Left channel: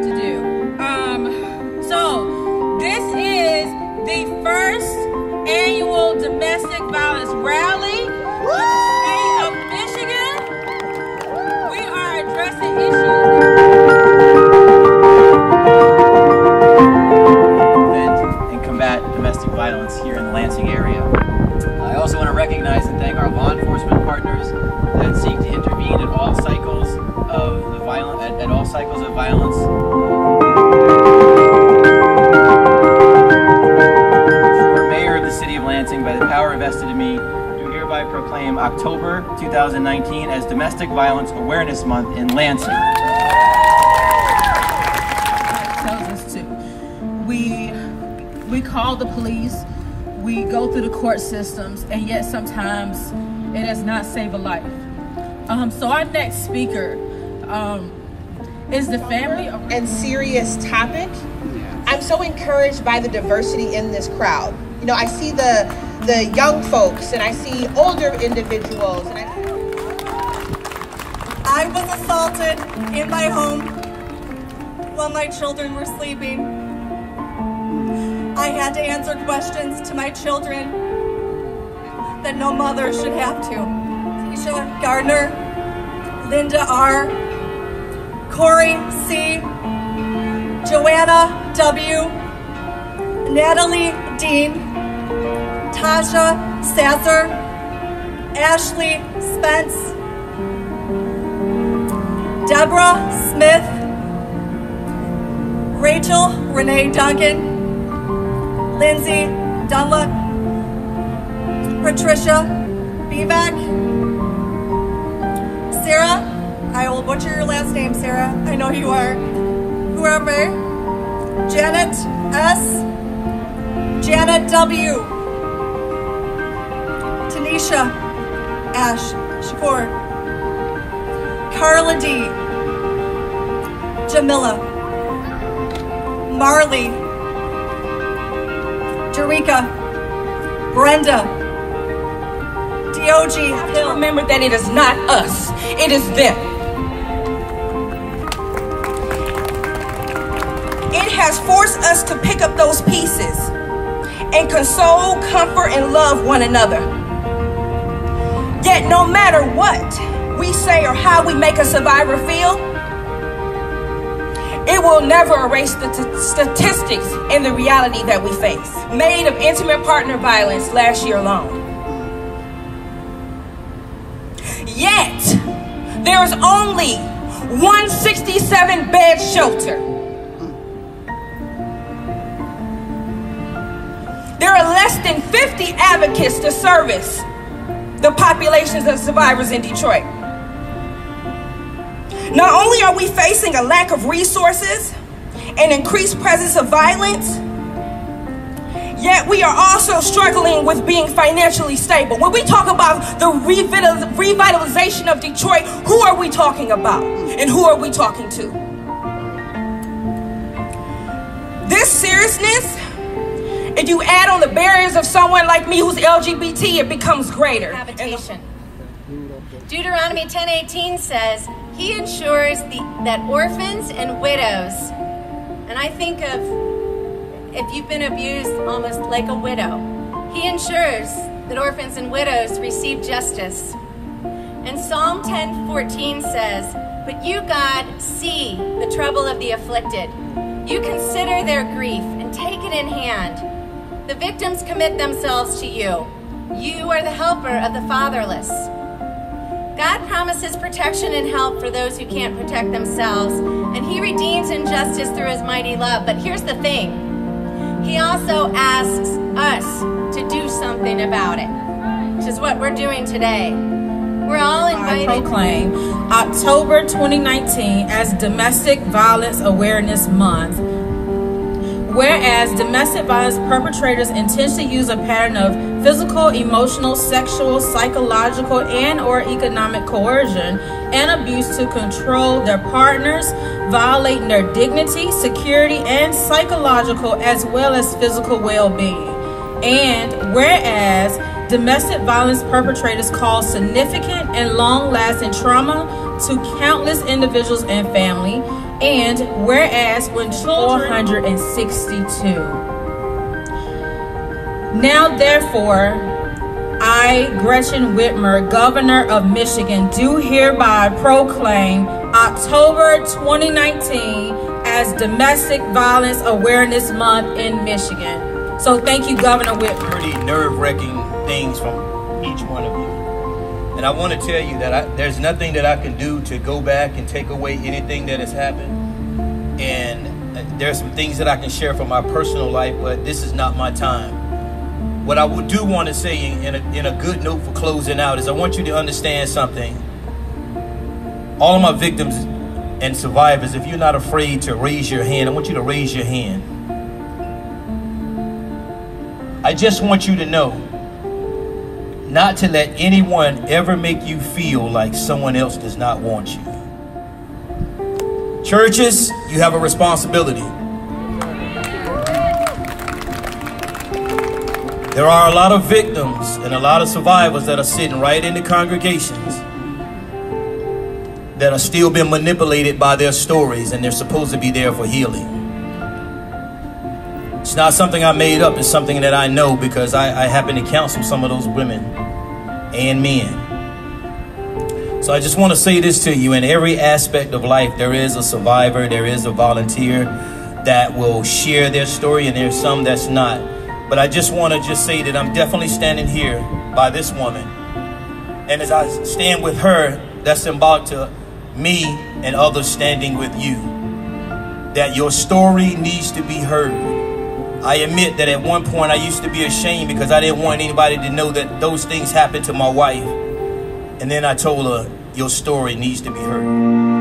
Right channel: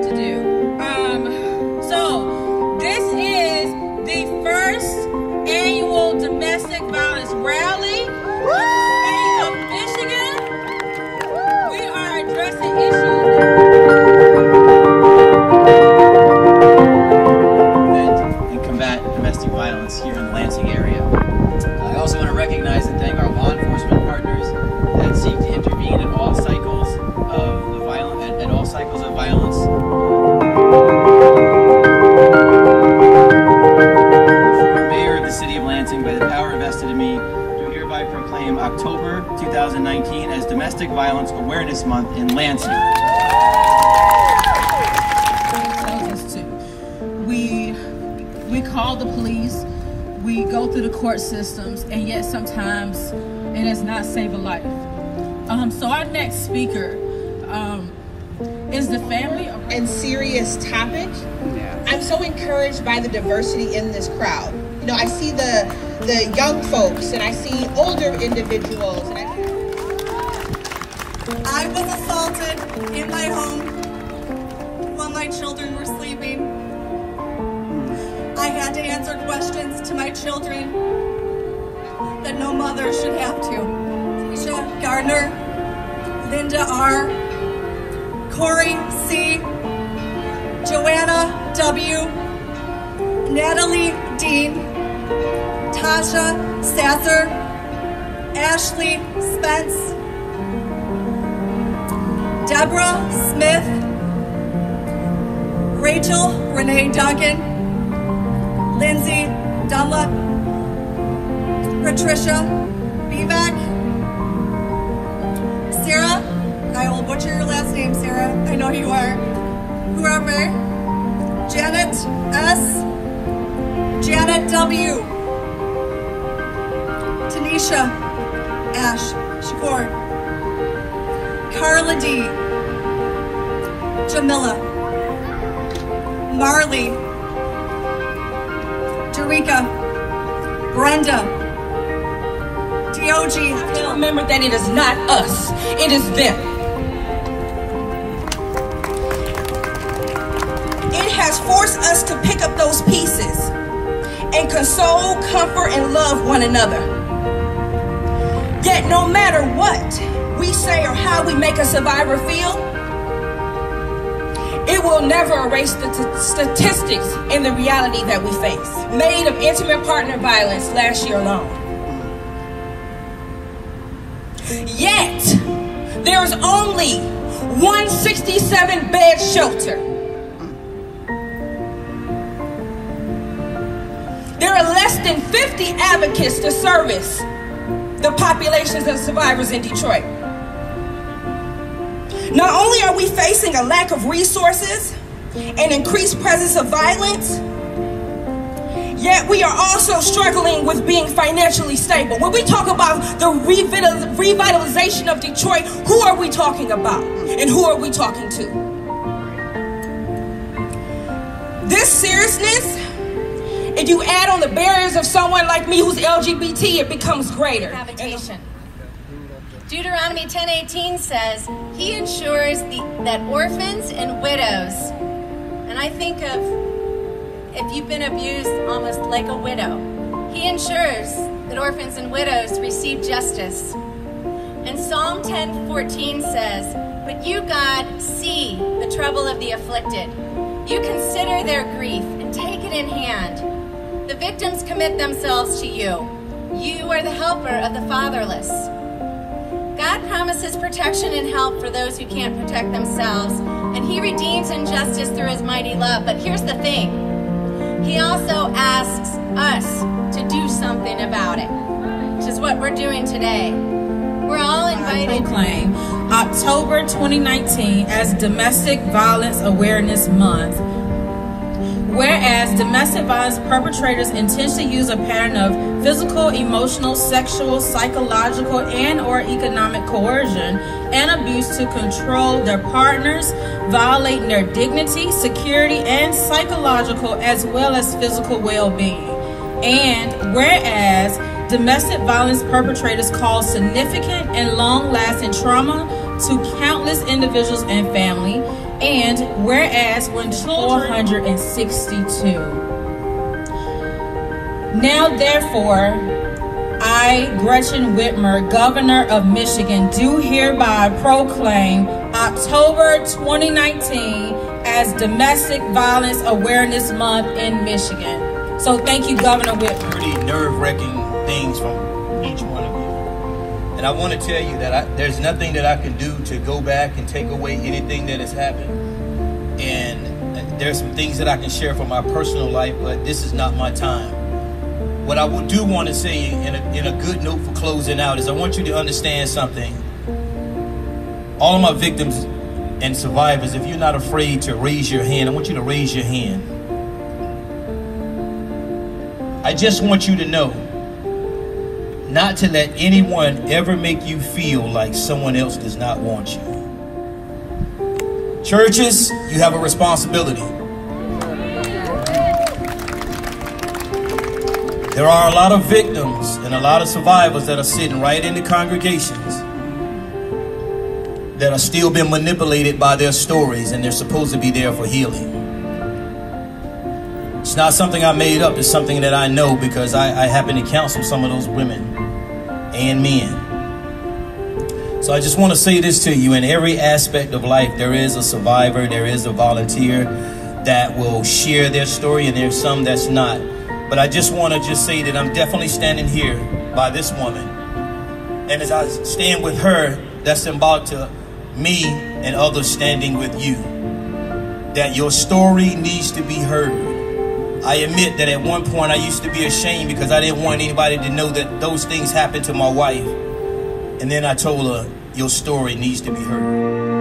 have to do. So this is the first annual domestic violence rally in the state of Michigan. We are addressing issues and combat domestic violence here in the Lansing area. I also want to recognize and thank our law enforcement partners that seek to intervene at all cycles of the violence. For Mayor of the City of Lansing, by the power vested in me, do hereby proclaim October 2019 as Domestic Violence Awareness Month in Lansing. It tells us to. We call the police, we go through the court systems, and yet sometimes it does not save a life. So our next speaker is the family and serious topic. I'm so encouraged by the diversity in this crowd. You know, I see the young folks and I see older individuals. And I was assaulted in my home while my children were sleeping. I had to answer questions to my children that no mother should have to. Keisha Gardner, Linda R., Corey C., Joanna W., Natalie Dean, Tasha Sasser, Ashley Spence, Deborah Smith, Rachel Renee Duncan, Lindsay Dunlop, Patricia Bivak, Sarah, I will butcher your last name, Sarah, I know you are, whoever, Janet S., Janet W., Tanisha Ash Shakur, Carla D., Jamila, Marley, Jerika, Brenda, DOG. Remember that it is not us, it is them. It has forced us to pick up those pieces and console, comfort, and love one another. Yet no matter what we say or how we make a survivor feel, it will never erase the statistics and the reality that we face, made of intimate partner violence last year alone. Yet, there's only 167 bed shelter. There are less than 50 advocates to service the populations of survivors in Detroit. Not only are we facing a lack of resources and increased presence of violence, yet we are also struggling with being financially stable. When we talk about the revitalization of Detroit, who are we talking about? And who are we talking to? This seriousness, if you add on the barriers of someone like me who's LGBT, it becomes greater. Habitation. Deuteronomy 10:18 says, He ensures that orphans and widows, and I think of if you've been abused almost like a widow, He ensures that orphans and widows receive justice. And Psalm 10:14 says, But you, God, see the trouble of the afflicted. You consider their grief and take it in hand. The victims commit themselves to you. You are the helper of the fatherless. God promises protection and help for those who can't protect themselves, and He redeems injustice through His mighty love. But here's the thing. He also asks us to do something about it, which is what we're doing today. We're all invited. I proclaim October 2019 as Domestic Violence Awareness Month. Whereas domestic violence perpetrators intentionally use a pattern of physical, emotional, sexual, psychological, and or economic coercion and abuse to control their partners, violating their dignity, security, and psychological as well as physical well-being. And whereas domestic violence perpetrators cause significant and long-lasting trauma to countless individuals and family, And whereas when 462. Now therefore, I, Gretchen Whitmer, Governor of Michigan, do hereby proclaim October 2019 as Domestic Violence Awareness Month in Michigan. So thank you, Governor Whitmer. Pretty nerve-wracking things from each one of you. And I want to tell you that there's nothing that I can do to go back and take away anything that has happened. And there's some things that I can share from my personal life, but this is not my time. What I do want to say in a good note for closing out is I want you to understand something. All of my victims and survivors, if you're not afraid to raise your hand, I want you to raise your hand. I just want you to know not to let anyone ever make you feel like someone else does not want you. Churches, you have a responsibility. There are a lot of victims and a lot of survivors that are sitting right in the congregations that are still being manipulated by their stories, and they're supposed to be there for healing. It's not something I made up. It's something that I know because I happen to counsel some of those women and men. So I just want to say this to you. In every aspect of life, there is a survivor, there is a volunteer that will share their story, and there's some that's not. But I just want to say that I'm definitely standing here by this woman. And as I stand with her, that's symbolic to me and others standing with you. That your story needs to be heard. I admit that at one point I used to be ashamed because I didn't want anybody to know that those things happened to my wife. And then I told her, your story needs to be heard.